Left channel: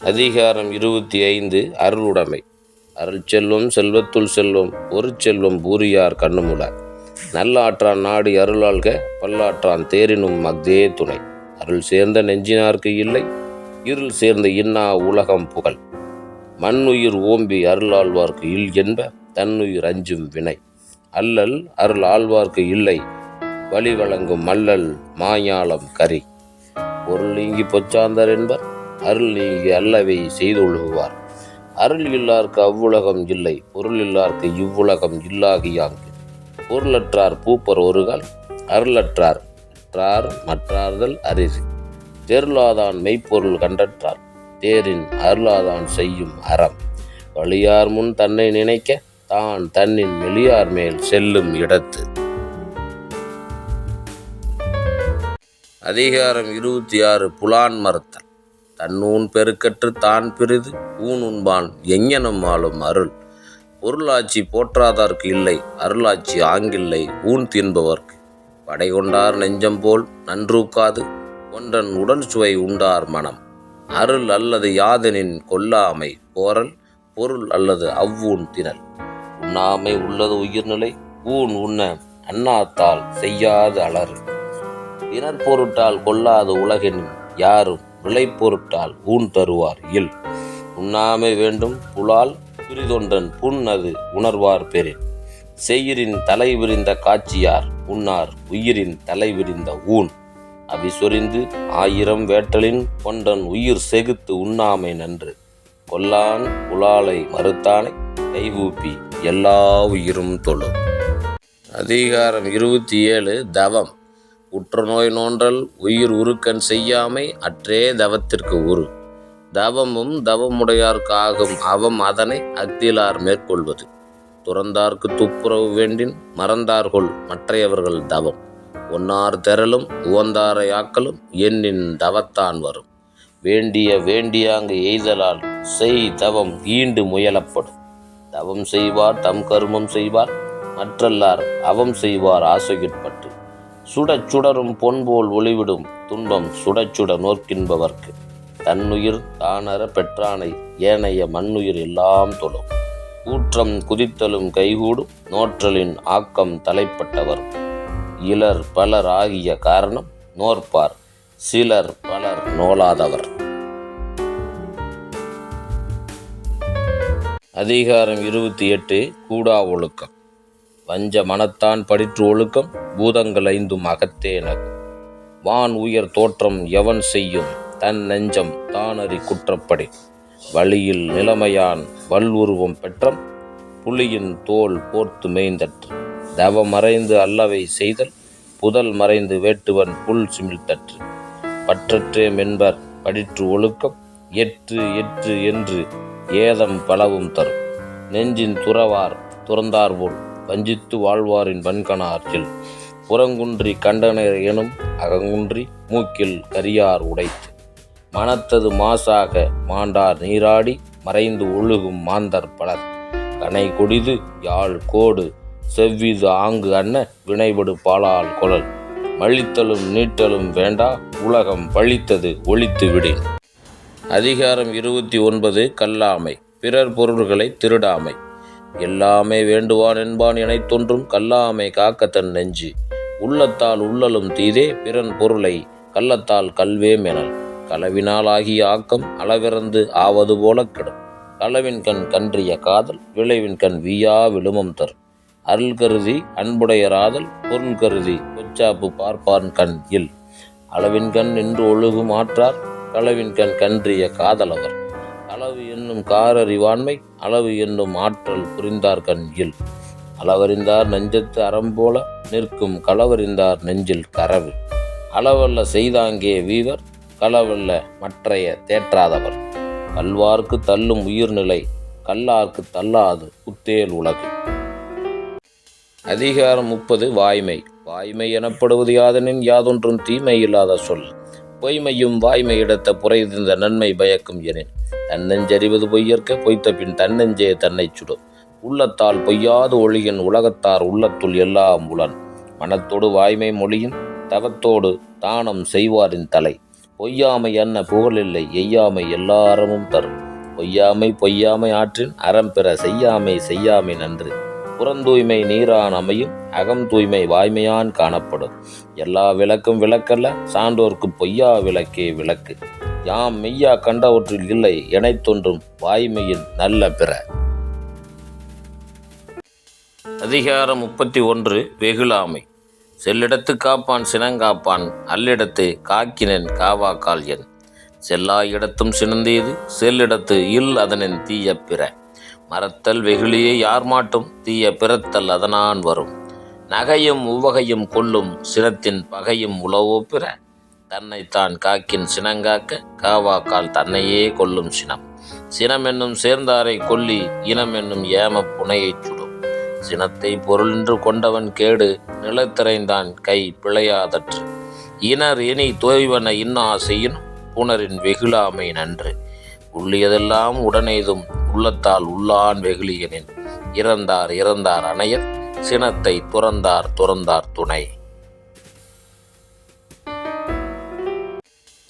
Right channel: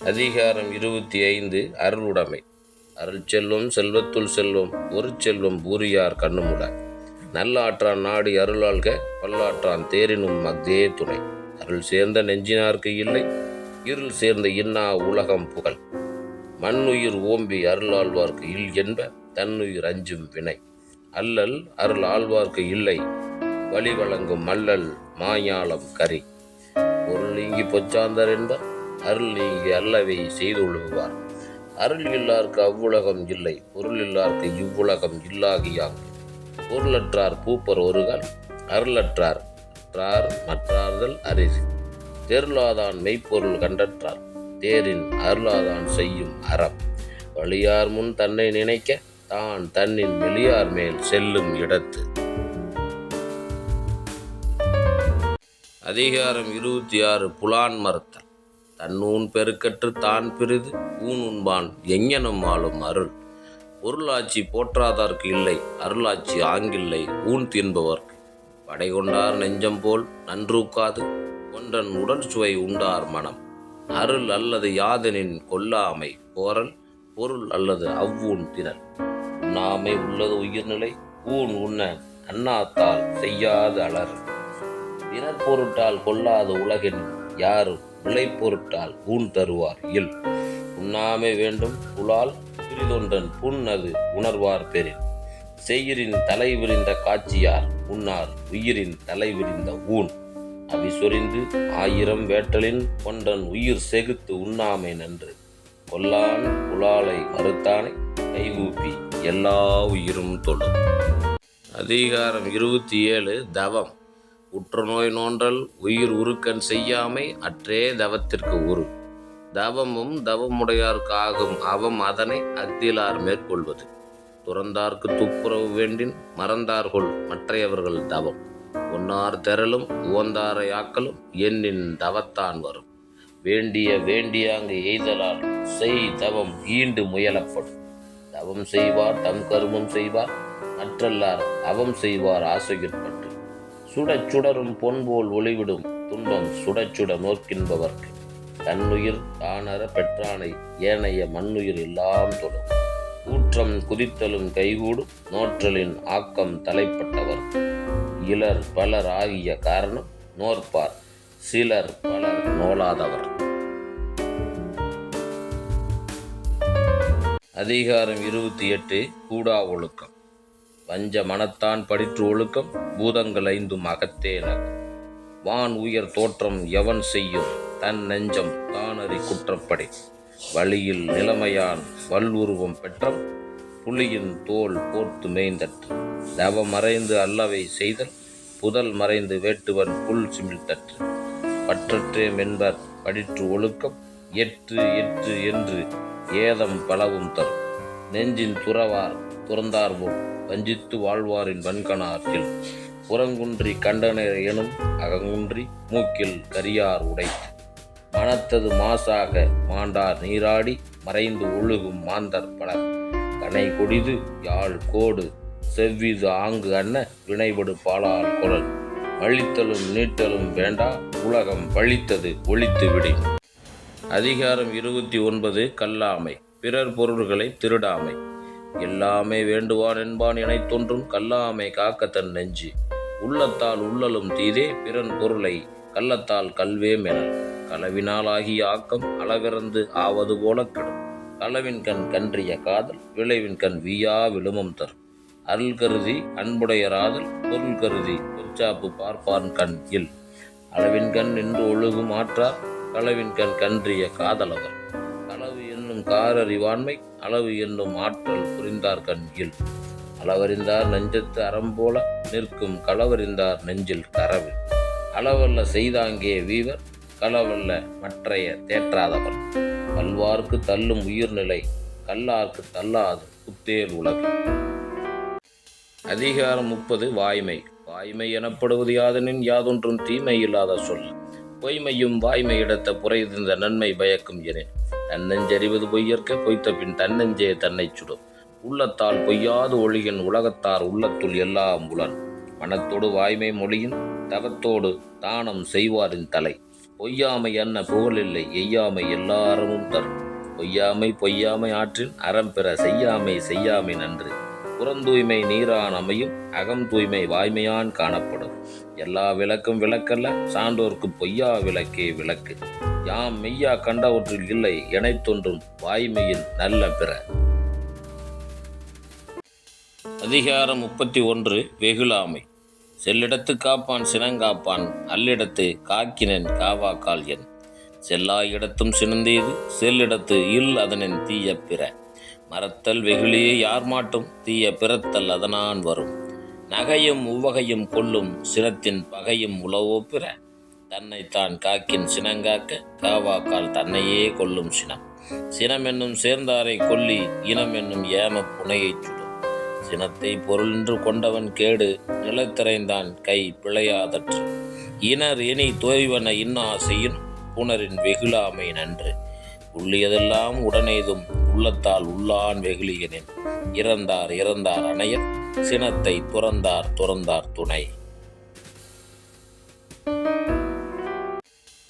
அதிகாரம் இருபத்தி ஐந்து அருளுடைமை. அருள் செல்வம் செல்வத்துள் செல்வம் ஒரு செல்வம் பூரியார் கண்ணுமுடார் நல்லாற்றான் நாடி அருளாள்க பல்லாற்றான் தேரினும் மக்தே துணை. அருள் சேர்ந்த நெஞ்சினார்க்கு இல்லை இருள் சேர்ந்த இன்னா உலகம் புகழ். மண்ணுயிர் ஓம்பி அருளாழ்வார்க்கு இல் என்ப தன்னுயிர் அஞ்சும் வினை. அல்லல் அருள் ஆழ்வார்க்கு இல்லை வழி வழங்கும் மல்லல் மாயாளம் கரி. பொருள் நீங்கி பொச்சாந்தர் என்பர் அருள் நீங்கி அல்லவை செய்தொழுகுவார் அருள் இல்லார்க்கு அவ்வுலகம் இல்லை பொருள் இல்லார்க்கு இவ்வுலகம் இல்லாகியாங்கு பொருளற்றார் பூப்பர் ஒருகால் அருளற்றார் அற்றார் மற்றார்கள் அரிசி. தெருளாதான் மெய்ப்பொருள் கண்டற்றார் தேரின் அருளாதான் செய்யும் அறம். வழியார் முன் தன்னை நினைக்க தான் தன்னின் வெளியார் மேல் செல்லும் இடத்து. அதிகாரம் இருபத்தி ஆறு புலான் மறுத்தல் தன்னூன் பெருக்கற்று தான் பிரிது ஊன் உண்பான் எங்ஙனம் ஆளும் அருள். பொருளாட்சி போற்றாதார்க்கு இல்லை அருளாட்சி ஆங்கில்லை ஊன் தின்பவர்க்கு. படை கொண்டார் நெஞ்சம் போல் நன்றூக்காது ஒன்றன் உடல் சுவை உண்டார் மனம். அருள் அல்லது யாதனின் கொல்லாமை போரல் பொருள் அல்லது அவ்வூன் திணல் உண்ணாமை உள்ளது உயிர்நிலை ஊன் உண்ண அண்ணாத்தால் செய்யாது அலறு தினர் பொருட்டால் கொல்லாது உலகின் யாரும் விளை பொருட்டால் ஊன் தருவார். இல் உண்ணாமை வேண்டும். புலால் பிரிதொன்றன் புண் அது உணர்வார் பெறின் செய்யிரின் தலை விரிந்த காட்சியார் உண்ணார். உயிரின் தலை விரிந்த ஊன். அவி சொரிந்து ஆயிரம் வேட்டலின் கொண்டன் உயிர் செகுத்து உண்ணாமை நன்று. கொல்லான் புலாலை மறுத்தானை கைவூப்பி எல்லா உயிரும் தொழும் அதிகாரம் இருபத்தி ஏழு தவம். உற்றுநோய் நோன்றல் உயிர் உருக்கன் செய்யாமை அற்றே தவத்திற்கு உரு. தவமும் தவமுடையார்க்காகும் அவம் அதனை அக்திலார் மேற்கொள்வது. துறந்தார்க்கு துப்புரவு வேண்டின் மறந்தார்கொள் மற்றையவர்கள் தவம். ஒன்னார் தெரலும் உவந்தாரை ஆக்கலும் எண்ணின் தவத்தான் வரும். வேண்டிய வேண்டியாங்கு எய்தலால் செய் தவம் ஈண்டு முயலப்படும். தவம் செய்வார் தம் கருமம் செய்வார் மற்றல்லார் அவம் செய்வார் ஆசையுட்படும். சுடச் சுடரும் பொன்போல் ஒளிவிடும் துன்பம் சுடச் சுட நோக்கின்பவர்க்கு தன்னுயிர் தானர பெற்றானை ஏனைய மண்ணுயிர் எல்லாம் தொடும். கூற்றம் குதித்தலும் கைகூடும் நோற்றலின் ஆக்கம் தலைப்பட்டவர். இலர் பலர் ஆகிய காரணம் நோற்பார் சிலர் பலர் நோலாதவர். அதிகாரம் இருபத்தி எட்டு கூடா ஒழுக்கம். வஞ்ச மனத்தான் படிற்று ஒழுக்கம் பூதங்கள் ஐந்தும் அகத்தே நகும். வான் உயர் தோற்றம் எவன் செய்யும்? தன் நெஞ்சம் தானறி குற்றப்படி. வழியில் நிலைமையான் வல்லுருவம் பெற்றம் புலியின் தோல் போர்த்து மேய்ந்தற்று. தவ மறைந்து அல்லவை செய்தல் புதல் மறைந்து வேட்டுவன் புல் சிமிழ்த்தற்று. பற்றற்றே மென்பர் படிற்று ஒழுக்கம் எற்று எற்று என்று ஏதம் பலவும் தரும். நெஞ்சின் துறவார் துறந்தார் போல் வஞ்சித்து வாழ்வாரின் வன்கணாற்றில் புறங்குன்றி கண்டனர் எனும் அகங்குன்றி மூக்கில் கரியார் உடைத்து. மனத்தது மாசாக மாண்டார் நீராடி மறைந்து ஒழுகும் மாந்தர் பலர். கனை கொடிது யாழ் கோடு செவ்விது ஆங்கு அன்ன வினைபடு பாலால் குழல். மழித்தலும் நீட்டலும் வேண்டா உலகம் பழித்தது ஒழித்து விடின் அதிகாரம் இருபத்தி ஒன்பது கல்லாமை. பிறர் பொருள்களை திருடாமை. எல்லாமே வேண்டுவான் என்பான் எனைத் தோன்றும் கல்லாமை காக்க தன் நெஞ்சு. உள்ளத்தால் உள்ளலும் தீதே பிறன் பொருளை கள்ளத்தால் கல்வே மெனல். களவினால் ஆகிய ஆக்கம் அளவிறந்து ஆவது போல கெடும். களவின் கண் கன்றிய காதல் விளைவின் கண் வீயா விழுமம் தரும். அருள் கருதி அன்புடையராதல் பொருள் கருதி பொச்சாப்பு பார்ப்பான் கண் இல். அளவின் கண் நின்று ஒழுகும் ஆற்றார் களவின் கண் கன்றிய காதலவர். அளவு என்னும் காரறிவாண்மை அளவு என்னும் ஆற்றல் புரிந்தார் கண் அளவறிந்தார் நெஞ்சத்து அறம்போல நிற்கும் களவறிந்தார் நெஞ்சில் கரவு. அளவல்ல செய்தாங்கே வீவர் களவல்ல மற்றைய தேற்றாதவர். கல்வார்க்கு தள்ளும் உயிர்நிலை கல்லார்க்கு தள்ளாது புத்தேல் உலகு. அதிகாரம் முப்பது வாய்மை. வாய்மை எனப்படுவது யாதெனின் யாதொன்றும் தீமை இல்லாத சொல். பொய்மையும் வாய்மை இடத்த புரைதிருந்த நன்மை பயக்கும் எனின். தன்னெஞ்சறிவது பொய்யற்க பொய்த்த பின் தன்னெஞ்சே தன்னைச் சுடும் உள்ளத்தால் பொய்யாது ஒளியின் உலகத்தார் உள்ளத்துள் எல்லாம் உளன். மனத்தோடு வாய்மை மொழியின் தவத்தோடு தானம் செய்வாரின் தலை. பொய்யாமை என்ன புகழில்லை எய்யாமை எல்லாரமும் தரும். பொய்யாமை பொய்யாமை ஆற்றின் அறம் பெற செய்யாமை செய்யாமை நன்று. புறந்தூய்மை நீரான் அமையும் அகம் தூய்மை வாய்மையான் காணப்படும். எல்லா விளக்கும் விளக்கல்ல சான்றோர்க்கு பொய்யா விளக்கே விளக்கு. யாம் மெய்யா கண்டவற்றில் இல்லை இணைத்தொன்றும் தோன்றும் வாய்மையின் நல்ல பிற. அதிகாரம் முப்பத்தி ஒன்று வெகுளாமை. செல்லிடத்து காப்பான் சினங்காப்பான் அல்லிடத்து காக்கினன் காவாக்கால் என் செல்லா இடத்தும் சினந்தீது செல்லிடத்து இல் அதனின் தீய பிற. மறத்தல் வெகுளியே யார் மாட்டும்? தீய பிறத்தல் அதனான் வரும். நகையும் உவகையும் கொல்லும் சினத்தின் பகையும் உளவோ பிற தன்னைத்தான் காக்கின் சினங்காக்க காவாக்கால் தன்னையே கொல்லும் சினம். சினம் என்னும் சேர்ந்தாரை கொல்லி இனம் என்னும் ஏம புனையைச் சுடும். சினத்தை பொருளென்று கொண்டவன் கேடு நிலத்திரைந்தான் கை பிழையாதற்று. இனர் இனி தோய்வன இன்னா செய்யின் புனரின் வெகுளாமை நன்று. உள்ளியதெல்லாம் உடனேதும் உள்ளத்தால் உள்ளான் வெகுளியனின். இறந்தார் இறந்தார் அணையர் சினத்தை துறந்தார் துறந்தார் துணை.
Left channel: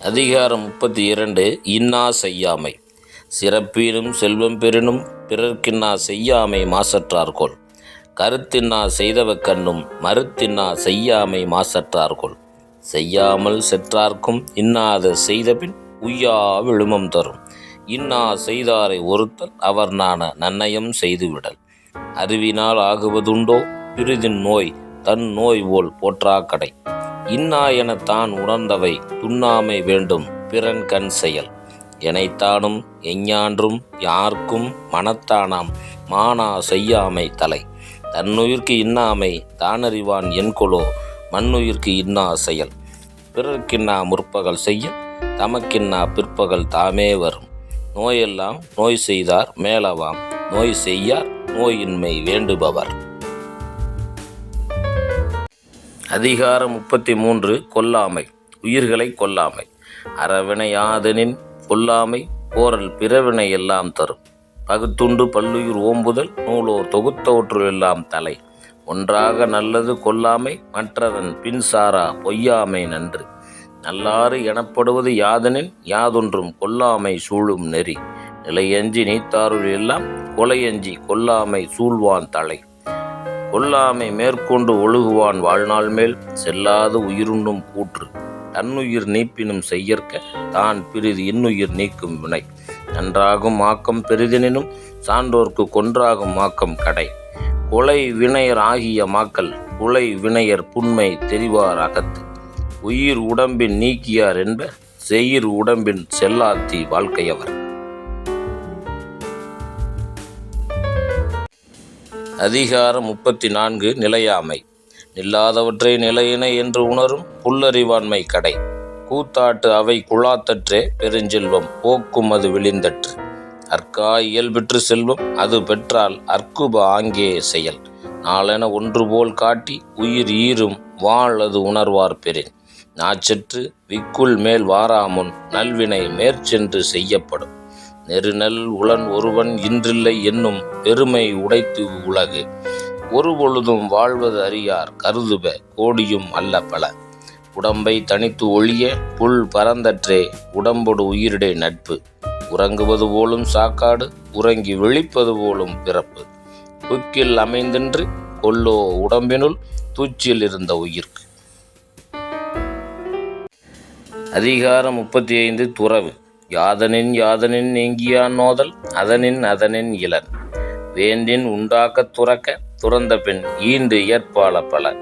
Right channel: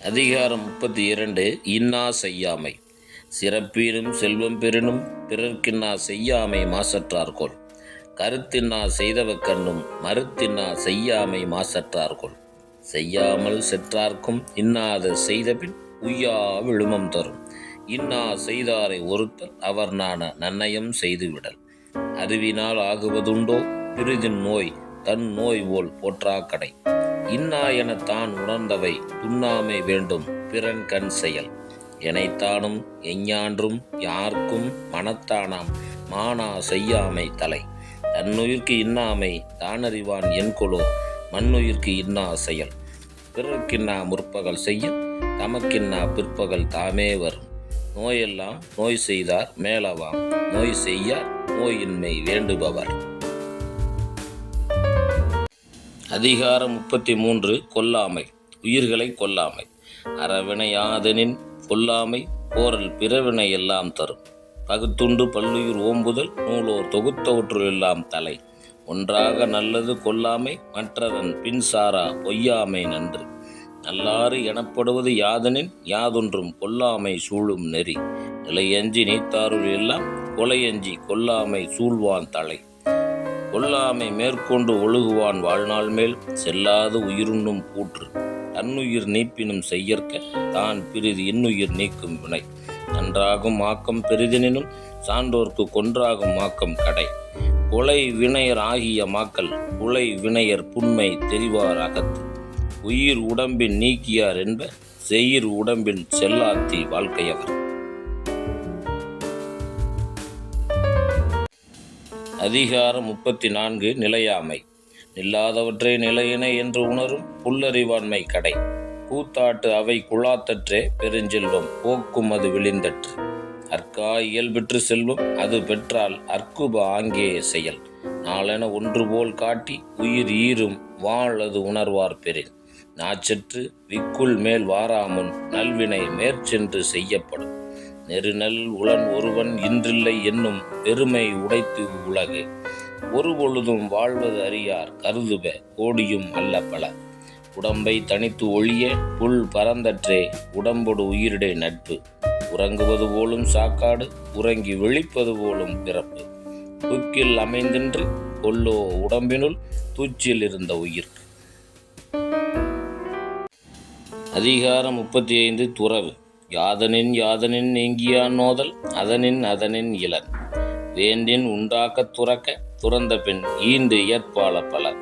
அதிகாரம் முப்பத்தி இரண்டு இன்னா செய்யாமை. சிறப்பீனும் செல்வம் பெறினும் பிறர்க்கின்னா செய்யாமை மாசற்றார்கொள். கருத்தின்னா செய்தவ கண்ணும் மறுத்தின்னா செய்யாமை மாசற்றார்கொள். செய்யாமல் செற்றார்க்கும் இன்னாத செய்தபின் உய்யா விழுமம் தரும். இன்னா செய்தாரை ஒருத்தல் அவர் நான நன்னயம் செய்துவிடல். அறிவினால் ஆகுவதுண்டோ? பிரிதின் நோய் தன் நோய் போல் போற்றா கடை இன்னா என தான் உணர்ந்தவை துண்ணாமை வேண்டும் பிறன் கண் செயல். எனைத்தானும் எஞ்ஞான்றும் யார்க்கும் மனத்தானாம் மானா செய்யாமை தலை. தன்னுயிர்க்கு இன்னாமை தானறிவான் என்கொலோ? மண்ணுயிர்க்கு இன்னா செயல். பிறர்க்கின்னா முற்பகல் செய்ய தமக்கின்னா பிற்பகல் தாமே வரும். நோயெல்லாம் நோய் செய்தார் மேலவாம். நோய் செய்யார் நோயின்மை வேண்டுபவர். அதிகாரம் முப்பத்தி மூன்று கொல்லாமை. உயிர்களை கொல்லாமை. அறவினையாதனின் கொல்லாமை போரல் பிறவினை எல்லாம் தரும். பகுத்துண்டு பல்லுயிர் ஓம்புதல் நூலோர் தொகுத்தவற்றுள் எல்லாம் தலை. ஒன்றாக நல்லது கொல்லாமை மற்றதன் பின்சாரா பொய்யாமை நன்று. நல்லாறு எனப்படுவது யாதனின் யாதொன்றும் கொல்லாமை சூழும் நெறி. நிலையஞ்சி நீத்தாருள் எல்லாம் கொலையஞ்சி கொல்லாமை சூழ்வான் தலை. கொல்லாமை மேற்கொண்டு ஒழுகுவான் வாழ்நாள் மேல் செல்லாது உயிருண்ணும் கூற்று. தன்னுயிர் நீப்பினும் செய்யற்க தான் பிரிது இன்னுயிர் நீக்கும் வினை. நன்றாகும் ஆக்கம் பெரிதெனினும் சான்றோர்க்கு கொன்றாகும் ஆக்கம் கடை. கொலை வினையர் ஆகிய மாக்கள் குலை வினையர் புண்மை தெரிவார் அகத்து. உயிர் உடம்பின் நீக்கியார் என்ப செயிர் உடம்பின் செல்லாத்தி வாழ்க்கையவர் அதிகாரம் முப்பத்தி நான்கு நிலையாமை. நில்லாதவற்றை நிலையினை என்று உணரும் புல்லறிவாண்மை கடை. கூத்தாட்டு அவை குழாத்தற்றே பெருஞ்செல்வம் போக்கும் அது விழிந்தற்று. அற்கா இயல்பெற்று செல்வம் அது பெற்றால் அற்குப ஆங்கே செயல். நாளென ஒன்று போல் காட்டி உயிர் ஈரும் வாழ் அது உணர்வார் பெறின். நாச்சற்று விக்குள் மேல் வாராமுன் நல்வினை மேற்சென்று செய்யப்படும். நெருநல் உளன் ஒருவன் இன்றில்லை என்னும் பெருமை உடைத்து உலகு. ஒரு பொழுதும் வாழ்வது அறியார் கருதுப கோடியும் அல்ல பல. உடம்பை தனித்து ஒழிய புல் பரந்தற்றே உடம்பொடு உயிரிடை நட்பு. உறங்குவது போலும் சாக்காடு உறங்கி விழிப்பது போலும் பிறப்பு. புக்கில் அமைந்தின்று கொல்லோ உடம்பினுள் தூச்சில் இருந்த உயிர்க்கு. அதிகாரம் முப்பத்தி ஐந்து துறவு. யாதனின் யாதனின் நீங்கியான் நோதல் அதனின் அதனின் இளன். வேண்டின் உண்டாக்கத் துறக்க துறந்த பின் ஈண்டு ஏற்பாள பல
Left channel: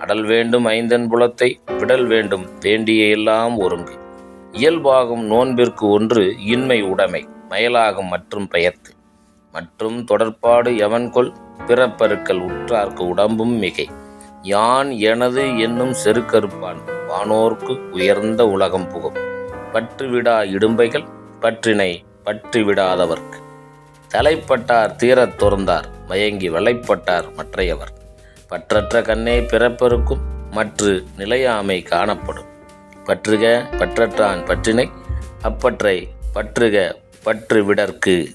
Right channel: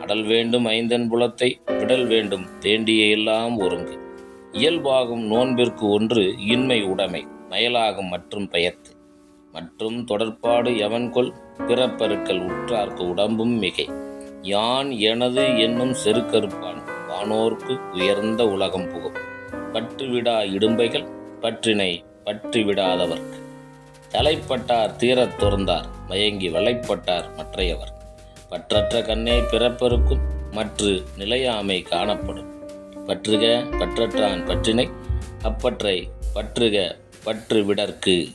அடல் வேண்டும் ஐந்தன் புலத்தை விடல் வேண்டும் வேண்டிய எல்லாம் ஒருங்கு. இயல்பாகும் நோன்பிற்கு ஒன்று இன்மை உடைமை மயலாகும் மற்றும் பெயர்த்து மற்றும் தொடர்பாடு எவன்கொள் பிறப்பருக்கள் உற்றார்க்கு உடம்பும் மிகை. யான் எனது என்னும் செருக்கருப்பான். வானோர்க்கு உயர்ந்த உலகம் புகும். பற்றுவிடா இடும்பைகள் பற்றினை பற்றுவிடாதவர்க்கு. தலைப்பட்டார் தீரத் துறந்தார் மயங்கி வலைப்பட்டார் மற்றையவர். பற்றற்ற கண்ணே பிறப்பெருக்கும் மற்று நிலையாமை காணப்படும். பற்றுக பற்றற்றான் பற்றினை அப்பற்றை பற்றுக பற்று விடற்கு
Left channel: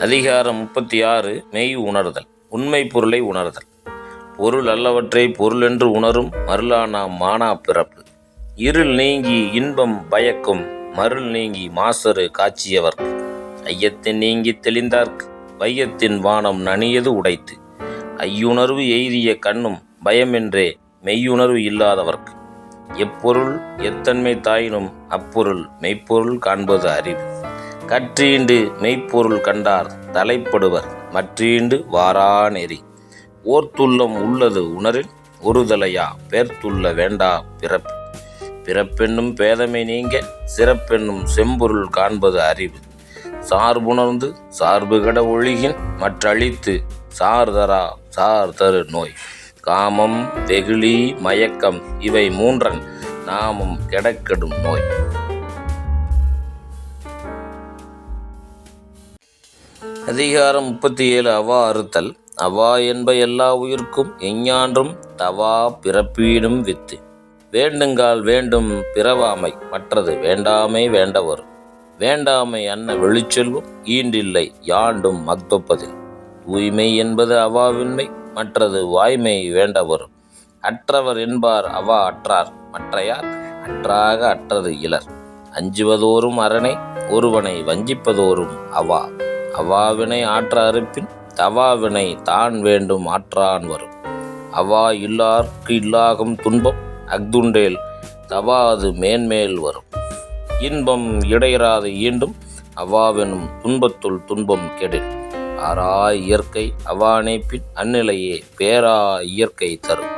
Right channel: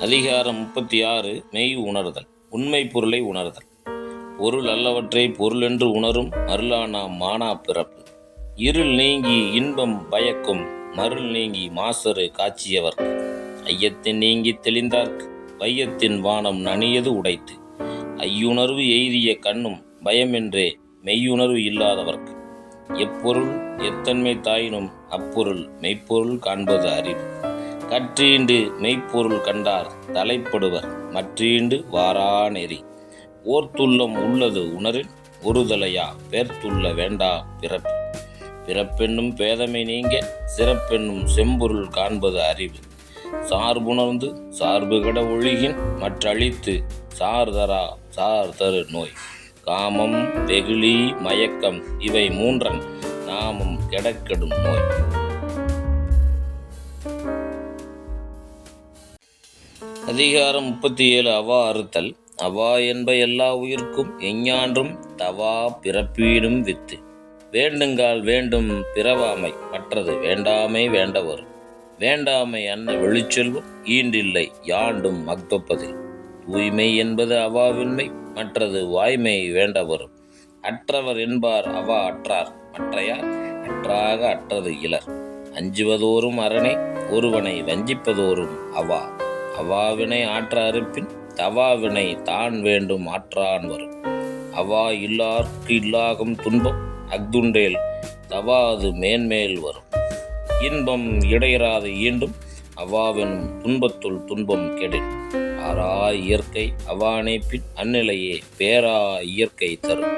அதிகாரம் முப்பத்தி ஆறு மெய் உணர்தல் உண்மை பொருளை உணர்தல். பொருள் அல்லவற்றை பொருளென்று உணரும் மருளானாம் மானா பிறப்பு. இருள் நீங்கி இன்பம் பயக்கும் மருள் நீங்கி மாசரு காட்சியவர்க்கு ஐயத்தின் நீங்கி தெளிந்தார்க்கு வையத்தின் வானம் நனியது உடைத்து. ஐயுணர்வு எய்திய கண்ணும் பயமென்றே மெய்யுணர்வு இல்லாதவர்க்கு. எப்பொருள் எத்தன்மை தாயினும் அப்பொருள் மெய்ப்பொருள் காண்பது அறிவு. கற்றீண்டு மெய்ப்பொருள் கண்டார் தலைப்படுவர் மற்றீண்டு வாரா நெறி. ஓர்த்துள்ளம் உள்ளது உணரில் ஒருதலையா? பேர்த்துள்ள வேண்டா பிறப்பு பிறப்பென்னும் பேதமை நீங்க சிறப்பென்னும் செம்பொருள் காண்பது அறிவு. சார்புணர்ந்து சார்பு கட ஒழுகின் மற்றழித்து சார்தரா சார் தரு நோய். காமம் வெகுளி மயக்கம் இவை மூன்றன் நாமும் கெடக்கெடும் நோய். அதிகாரம் முப்பத்தி ஏழு அவா அறுத்தல் அவா என்ப எல்லா உயிர்க்கும் எஞ்ஞான்றும் தவா பிறப்பீடும் வித்து. வேண்டுங்கால் வேண்டும் பிறவாமை மற்றது வேண்டாமை வேண்டவர். வேண்டாமை அன்ன வெளிச்செல்வம் ஈண்டில்லை யாண்டும் மக்தொப்பதில் தூய்மை என்பது அவாவின்மை மற்றது வாய்மை வேண்டவர். அற்றவர் என்பார் அவா அற்றார் மற்றையார் அற்றாக அற்றது இலர். அஞ்சுவதோறும் அரணை ஒருவனை வஞ்சிப்பதோறும் அவா. அவாவினை ஆற்ற அறுப்பின் தவாவினை தான் வேண்டும் ஆற்றான் வரும். அவா இல்லார்க்கு இல்லாகும் துன்பம் அக்துண்டேல் தவாது மேன்மேல் வரும். இன்பம் இடையராது ஈண்டும் அவாவெனும் துன்பத்துள் துன்பம் கெடில். ஆறா இயற்கை அவானே பின் அந்நிலையே பேரா இயற்கை தரும்.